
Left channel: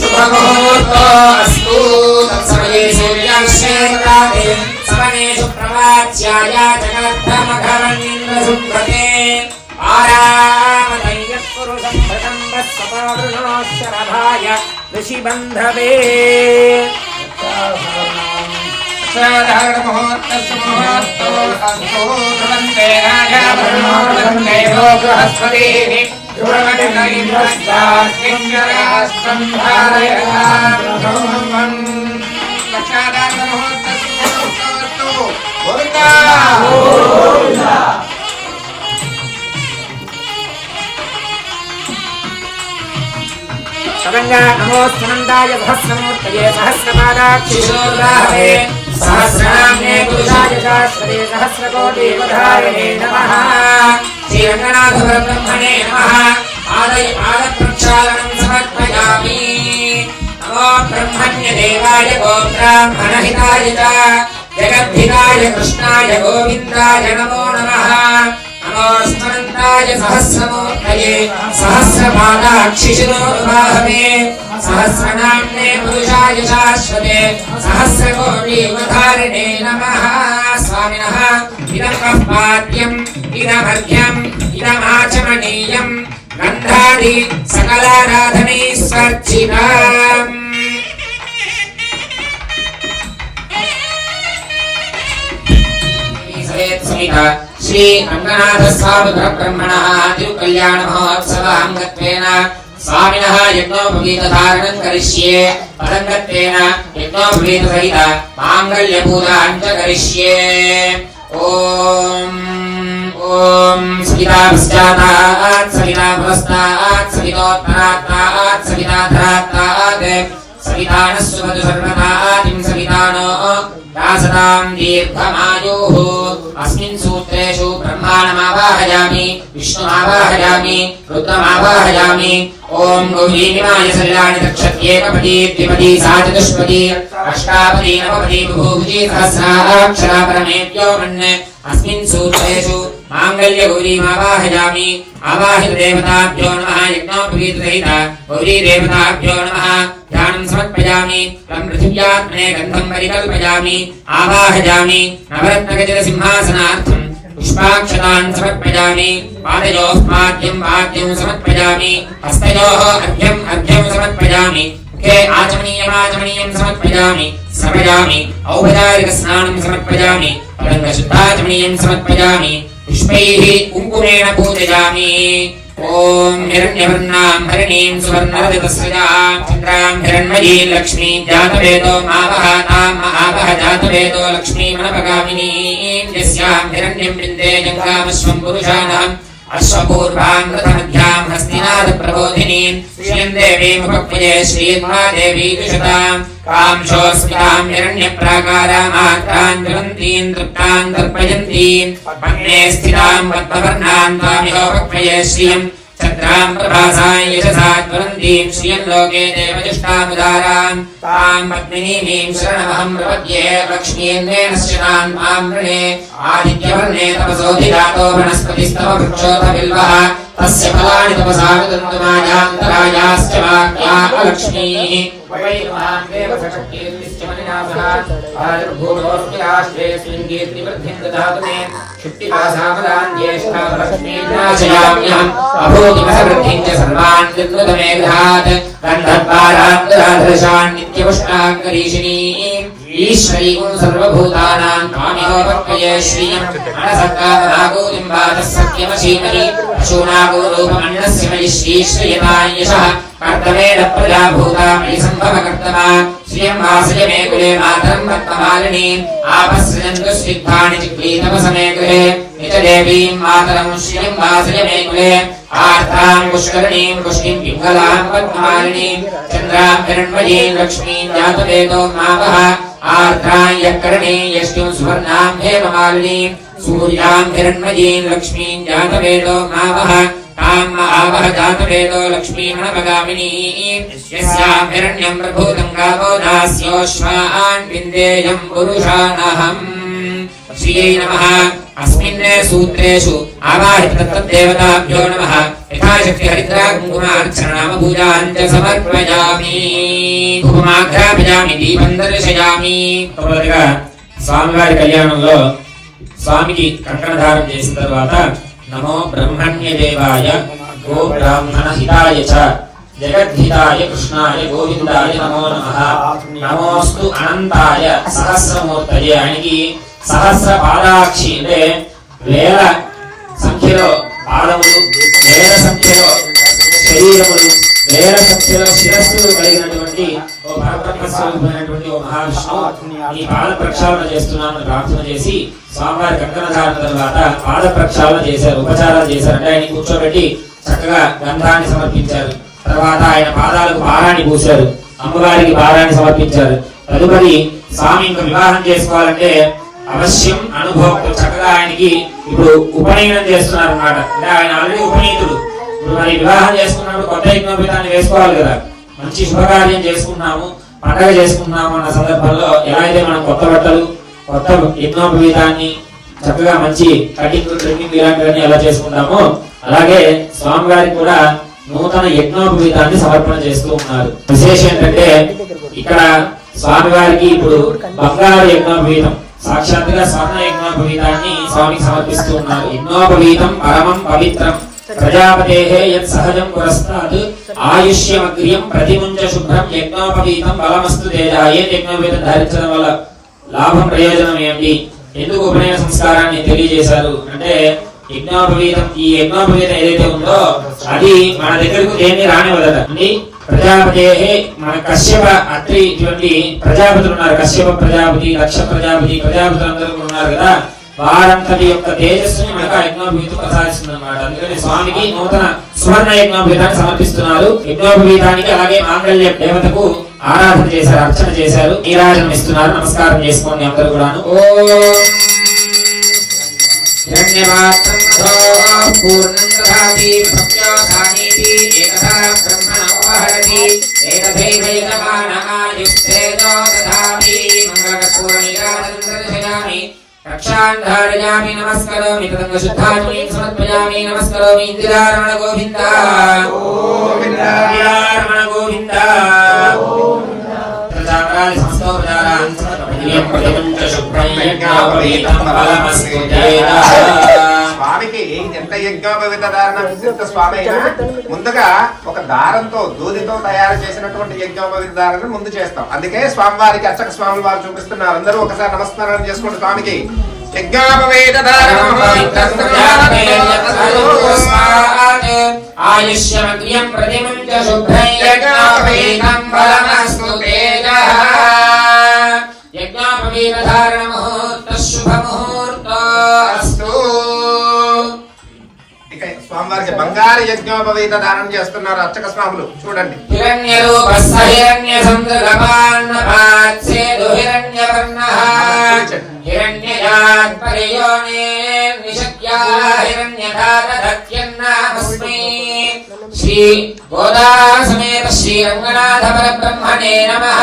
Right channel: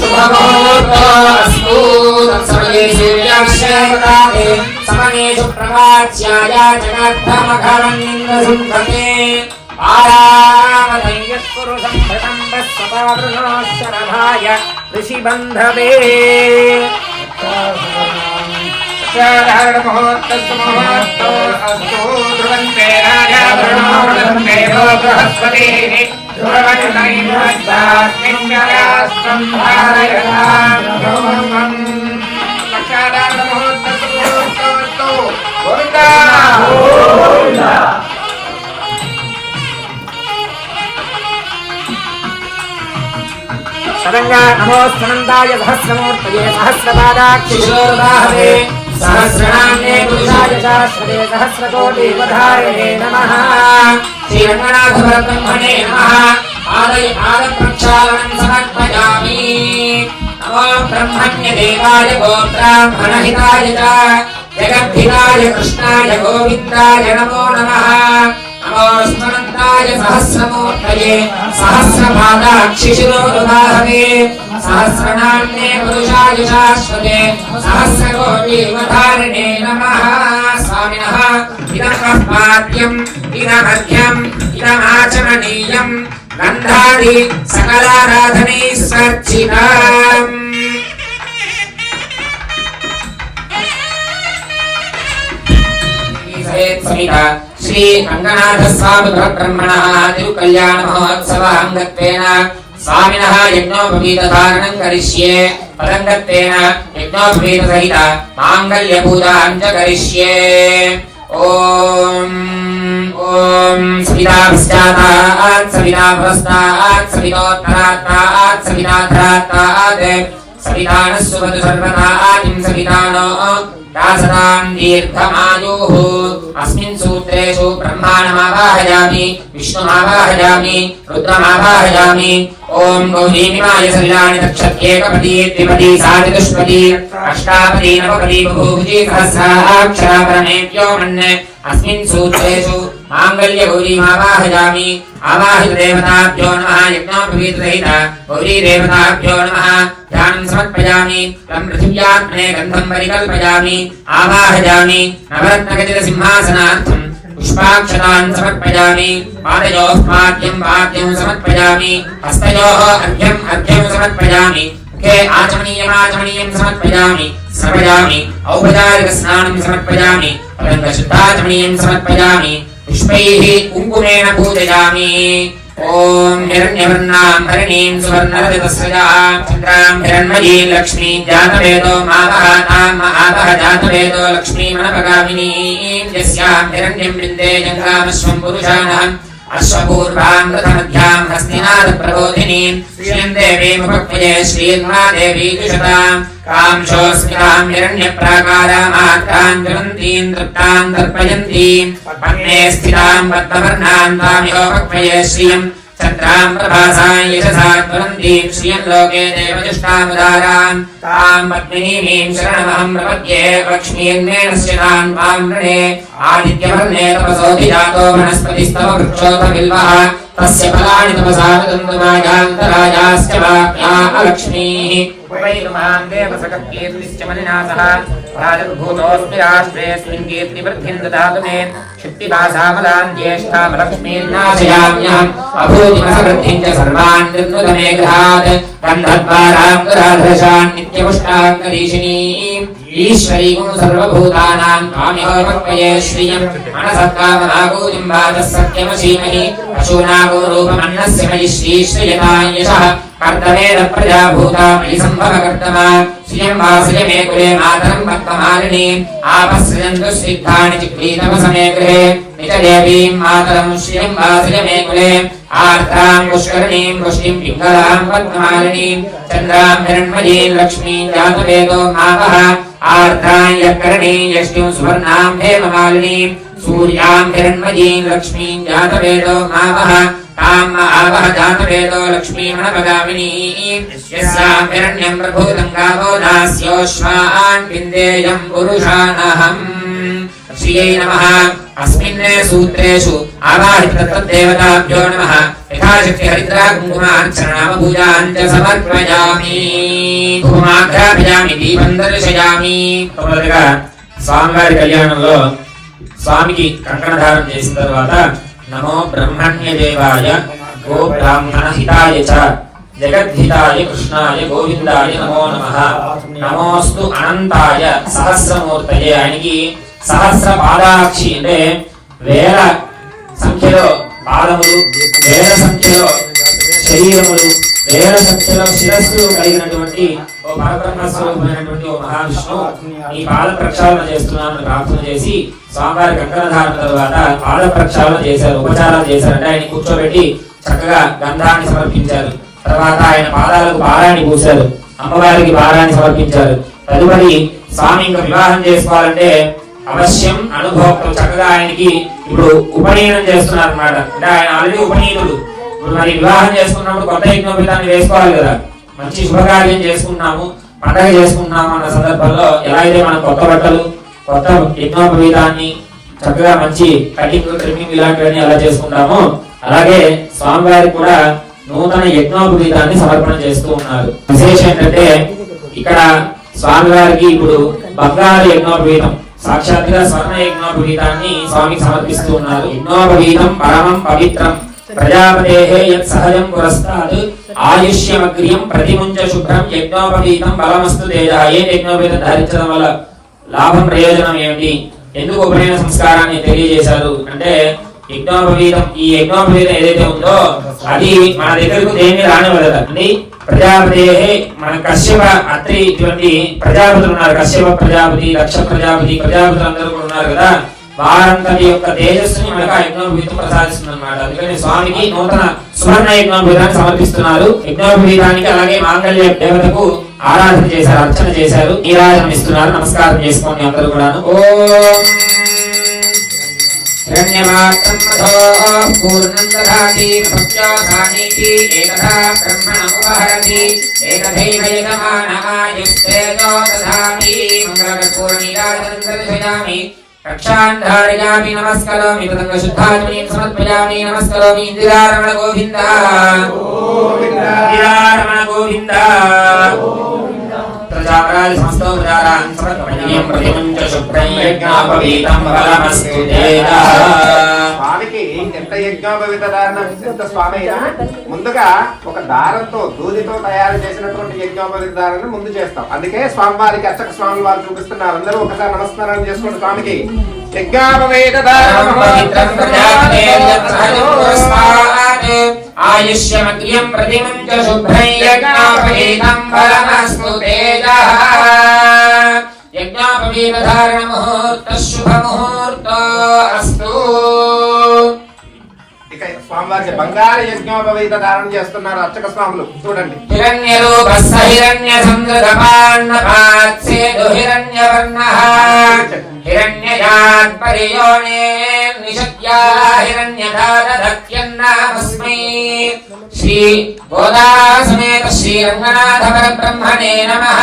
शुभमुहूर्तोऽस्तु तत्समये सूर्याश्रयदाते समनेषु प्रवाच्याय जगद्धमघवन्निन्द्रसुम्भते आरामदय्यत्पुरुषं भृतं वस्वपावृणोश्चरभाय ऋषिबन्धवे मुहूर्तस्तु ध्रुवन्ते राजा बृहस्पतिः సరంగా నమోస్తనందాయ సహస్రమూర్తయే సహస్రపాదాక్షిశోదాహవే సహస్రనామ్నే పురుషాయ శాశ్వతే సహస్రకోటివధారిణే నమః శ్రీరంగనాథ బ్రహ్మణే నమః పాదప్రక్షాళనం సమర్పయామి నమో బ్రహ్మణ్యదేవాయ గో బ్రాహ్మణహితాయ చ జగద్ధితాయ కృష్ణాయ గోవిందాయ నమో నమః నమోస్తనంతాయ సహస్రమూర్తయే సహస్రపాదాక్షిశిరోరుబాహవే సహస్రనామ్నే పురుషాయ శాశ్వతే సహస్రకోటివధారిణే నమః స్వామినః ఇదం పాద్యం ఇదమర్ఘ్యం ఇదమాచమనీయం గంధాది సకలారాధనైస్వర్జితాం శ్రీ రంగనాథ స్వామి బ్రహ్మణ తిరుకల్యాణ మహోత్సవ అంగత్వేన స్వామినః యజ్ఞోపవీతధారణం కరిష్యే పదంగత్వేన యజ్ఞోపవీత సహిత మాంగళ్య పూజాం చ కరిష్యే ఓం ఓం సవితా పశ్చాతాత్ సవితా పురస్తాత్ సవితోత్తరాత్తాత్ సవితాధరాత్తాత్ సవితానః సుమతు సర్వతాతిం సవితానో దాసనాం దీర్ఘమాయుః అస్మిన్ సూత్రేషు బ్రహ్మాణమావాహయామి విష్ణుమావాహయామి రుద్రమావాహయామి ఓం గౌరీమిమాయ సల్లాని దక్షత్యేకపదీ ద్విపదీ సాచతుష్పదీ అష్టాపదీ నవపదీ బహూపదీ సహస్రాక్షరాపరమేభ్యో మన్నే అస్మిన్ సూత్రేషు మాంగళ్య గౌరీమావాహయామి ఆవాహిత దేవతాభ్యో నమః యజ్ఞోపవీతసహిత గౌరీ దేవతాభ్యో నమః ధ్యానం సమర్పయామి తం పృథివ్యాత్మనే గంధం పరికల్పయామి ఆవాహయామి నవరత్నగజ సింహాసనార్థం పుష్పాక్షతాన్ సమర్పయామి పాదయోః పాద్యం పాద్యం సమర్పయామి హస్తయోః అర్ఘ్యం అర్ఘ్యం సమర్పయామి ముఖే ఆచమనీయం సమర్పయామి సమర్పయామి ఔపచారిక స్నానం సమర్పయామి పదంగ శుద్ధాచమనీయం సమర్పయామి పుష్పైః కుంకుమేన పూజయామి ఓం హిరణ్యవర్ణాం హరిణీం సువర్ణరజతస్రజాం చంద్రాం హిరణ్మయీం లక్ష్మీం జాతవేదో మావహ తాం మహావహ జాతవేదో లక్ష్మీమనపగామినీం యస్యాం హిరణ్యం బృందే జంగామశ్వం పురుషాణం అశ్వపూర్వాం రథమధ్యాం హస్తినాద ప్రబోధినీం శ్రీం దేవీముపక్వయే శ్రీర్మాదేవీ దుషతాం కాంశోస్మితాం హిరణ్యప్రాకారామాత్రాం జ్వలంతీం తృప్తాం దర్పయంతీం పద్మే స్థితాం పద్మవర్ణాం తామిహోపక్వయే శ్రియం చంద్రాం ప్రభాసాం యశసా జ్వలంతీం శ్రియం లోకే దేవజుష్టాముదారాం తాం పద్మినీమీం శరణమహం ప్రపద్యే లక్ష్మీర్నేన శ్రీరాం తాం వృణే ఆదిత్యవర్ణే తపసోధిజాతో వనస్పతిస్తవ వృక్షోథ బిల్వః తస్య ఫలాని తపసా విదంతుమాయాంతరాయాశ్చ వాక్యా లక్ష్మీః వైమాం దేవసకీర్తిశ్చ మలినాసః ఆదిర్భూతోస్మి ఆశ్రయేస్మిన్ కీర్తివృద్ధిం దదాతు మే క్షిప్తిపాసామదాం జ్యేష్ఠా లక్ష్మీర్నాశయామ్యహం అభూతిమసవృద్ధిం చ సర్వాన్ నిర్మృతమే గృహాత్ గంధద్వారాంతరాధశాన్ నిత్యపుష్టాంగరీషిణీం ఈశ్వరీం సర్వభూతానాం త్వామిహోపక్వయే శ్రియం మనసక్కామనాగోతిం వాచः సత్యమశీమని పశూనాగోరూపమన్నస్య మయి శ్రీశ్రయతాం యశః కర్తవేద ప్రజాభూతా మయి సంభవకర్తమా శ్రియం వాసయ మే కులే మాతరం భక్తమాలినీం ఆపస్సృజन्तు సిద్ధాని చిక్రీతమసమే గృహే నిజదేవీం మాతరం శ్రియం వాసయ మే కులే ఆర్తాం పుష్కరణీం పుష్టిం పింగళాం పద్మాలినీం చంద్రాం హిరణ్మయీం లక్ష్మీం జాతవేదో మావహ ఆర్ద్రాం యకరణీం యష్టిం సువర్ణాం హేమమాలినీం సూర్యాం హిరణ్మయీం లక్ష్మీం జాతవేదో మావహ తాం ఆవహ జాతవేదో లక్ష్మీమణపగామినీం యస్యాం హిరణ్యం ప్రభూతం గావో దాస్యోశ్వాన్ విందేయం పురుషానహం శ్రీయై నమః అస్మిన్ సూత్రేషు ఆవాహిత తత్తదేవతాభ్యో నమః యథాశక్తి హరిద్రా కుంకుమార్చనామ పూజాం చ సమర్పయామి ధూమాఘ్రాపయామి దీపం దర్శయామి. మొదటగా స్వామివారి కళ్యాణంలో స్వామికి కంకణధారం చేసిన తర్వాత నమో బ్రహ్మణ్య దేవాయ గో బ్రాహ్మణ హితాయ చ జగద్ధితాయ కృష్ణాయ గోవిందాయ నమో నమః నమోస్తు అనంతాయ సహస్రమూర్తయే. ఆయనకి సహస్ర పాదాక్షి అంటే వేల సంఖ్యలో పాదములు, వేల సంఖ్యలో శరీరములు వేల సంఖ్యలో శిరస్సులు కలిగినటువంటి ఓ పరబ్రహ్మ స్వరూపమైనటువంటి ఓ మహావిష్ణువు ఈ పాద ప్రక్షాళన చేస్తున్నామని ప్రార్థన చేసి స్వామివారి కంకణ ధారణ తర్వాత పాద ప్రక్షాళన చేశారు, ఉపచారాలు చేశారు. అంటే ఆయన కూర్చోబెట్టి చక్కగా గంధాన్ని సమర్పించారు. తర్వాత ఆయన పాదాలకు పారాన్ని పూశారు, అమ్మవారికి పారాన్ని సమర్పించారు. తదుపరి స్వామి ఇంకా వివాహం చేసుకోవాలంటే అవశ్యం అనుభోక్తులు చక్కగా ఆయనకి ఇప్పుడు ఉపనయనం చేస్తున్నారు అన్నమాట. అంటే ఆయన ఆల్రెడీ ఉపనీతుడు. ఇప్పుడు మరి వివాహం చేసుకున్నప్పుడు కొత్త యజ్ఞోపేతాన్ని వేసుకోవాలి కదా. మంచి శుభకార్యం చేసుకున్నాము, పండగ చేసుకున్నాము అన్న సందర్భంలో ఎలా అయితే మనం కొత్త బట్టలు, కొత్త యజ్ఞోపేతాన్ని చక్కగా మంచి కటింగ్ ట్రిమ్మింగ్ ఇలాంటివన్నీ ఎలా చేసుకుంటామో అలాగే స్వామివారికి కూడా నూతన యజ్ఞోపేతాన్ని సమర్పణ చేస్తూ ఉన్నారు. విశేషం ఏంటంటే ఇక్కడ స్వామివారికి ఇప్పుడు బంగారు యజ్ఞోపేతం సాక్షాత్తుగా స్వర్ణ యజ్ఞోపవీతాన్ని స్వామికి సమర్పిస్తూ ఉన్నారు. యజ్ఞోపవీతం పరమం పవిత్రం ప్రజాపతేః యత్ సహజం పురస్తాద్ ఆయుష్యమగ్ర్యం ప్రతిముంచ శుభ్రం యజ్ఞోపవీతం బలమస్తు తేజః. ఏ యజ్ఞోపవీతం ధరించడం వల్ల లాభం ప్రయోజనం ఏమిటి, ఎందుకు ఉపనయన సంస్కారాన్ని తెలియజేశారు అంటే యజ్ఞోపవీతం, ఈ యజ్ఞోపవీతం ఏదైతే ఉందో అది మన దగ్గరకు దేన్ని రానివ్వదట అండి. ప్రజాపతి మన కశ్యప అత్రి ఇటువంటి ప్రజాపతులు ఉన్నారు, కశ్యప ప్రజాపతి, దక్ష ప్రజాపతి, ప్రజాపతులు అందరూ కూడా ఉన్నారు కదా. వారంతటి యొక్క తేజస్సుని మనకు ఆ యజ్ఞోపవీతం ప్రసాదిస్తుంది అన్నమాట. అందుకని స్వామికి నూతన సువర్ణ యజ్ఞోపవీతాన్ని సమర్పిస్తున్నారు. యజ్ఞోపవీతానికి అలాగే మాంగళ్య దేవతకు ఆరాధన చేశారు, అర్చన చేశారు, నీరాజనం ఇస్తున్నారు. నమస్కారం చేసుకోండి అందరూ కూడాను. ఓం हिरण्यमात्रं मधो पूर्णं दधाति भक्त्योऽसानीति एकधा ब्रह्मणमुपहरति एकथैव यजमानः दधाति मङ्गलपूर्णिकां दर्शयामि रक्षान् धारयामि नमस्करोमि तदङ्गशुद्धात्मनीं समर्पयामि नमस्करोमि इन्दिरारमण गोविन्द इन्दिरारमण गोविन्द प्रजापराय समस्तो प्रजारान् समर्पयामि प्रतिमुञ्च शुभ्रं यज्ञोपवीतं बलमस्तु तेजः. స్వామికి ఎంత యజ్ఞోపవీత ధారణ విశిష్ట స్వామి అయినా ముందుగా ఒక దారంతో దూదితో తయారు చేసినటువంటి యజ్ఞోపవీత ధారణ ముందు చేస్తాం. అందుకే స్వామివారికి అర్చక స్వామి వారు చూపిస్తున్నారు. అందరూ ఒకసారి నమస్కారం చేసుకోండి స్వామికి. యజ్ఞోపవీత ధారణ ఆయుష్యమగ్ర్యం ప్రతిముంచ శుభ్రం యజ్ఞోపవీతం బలమస్తు తేజః. యజ్ఞోపవీత ధారణ ముహూర్త శుభ ముహూర్తో అస్తు. ఇక స్వామివారికి బంగారు యజ్ఞోపవీత ధారణ చేస్తున్నారు అర్చక స్వాములు. చూడండి. హిరణ్యరూపస్స హిరణ్యసంగపాత్సేదు హిరణ్యవర్ణః హిరణ్యయాత్ పరియోనే నిషద్యా హిరణ్యధారధత్యన్నామస్మై. శ్రీ గోదాసమేత శ్రీ రంగనాథ పరబ్రహ్మణే నమః.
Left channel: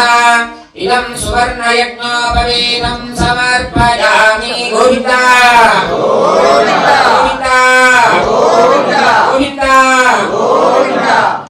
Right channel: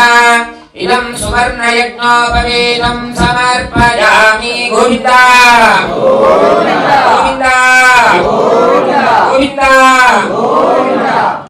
ఇదం సువర్ణ యజ్ఞోపవీతం సమర్పయామి. గోవిందా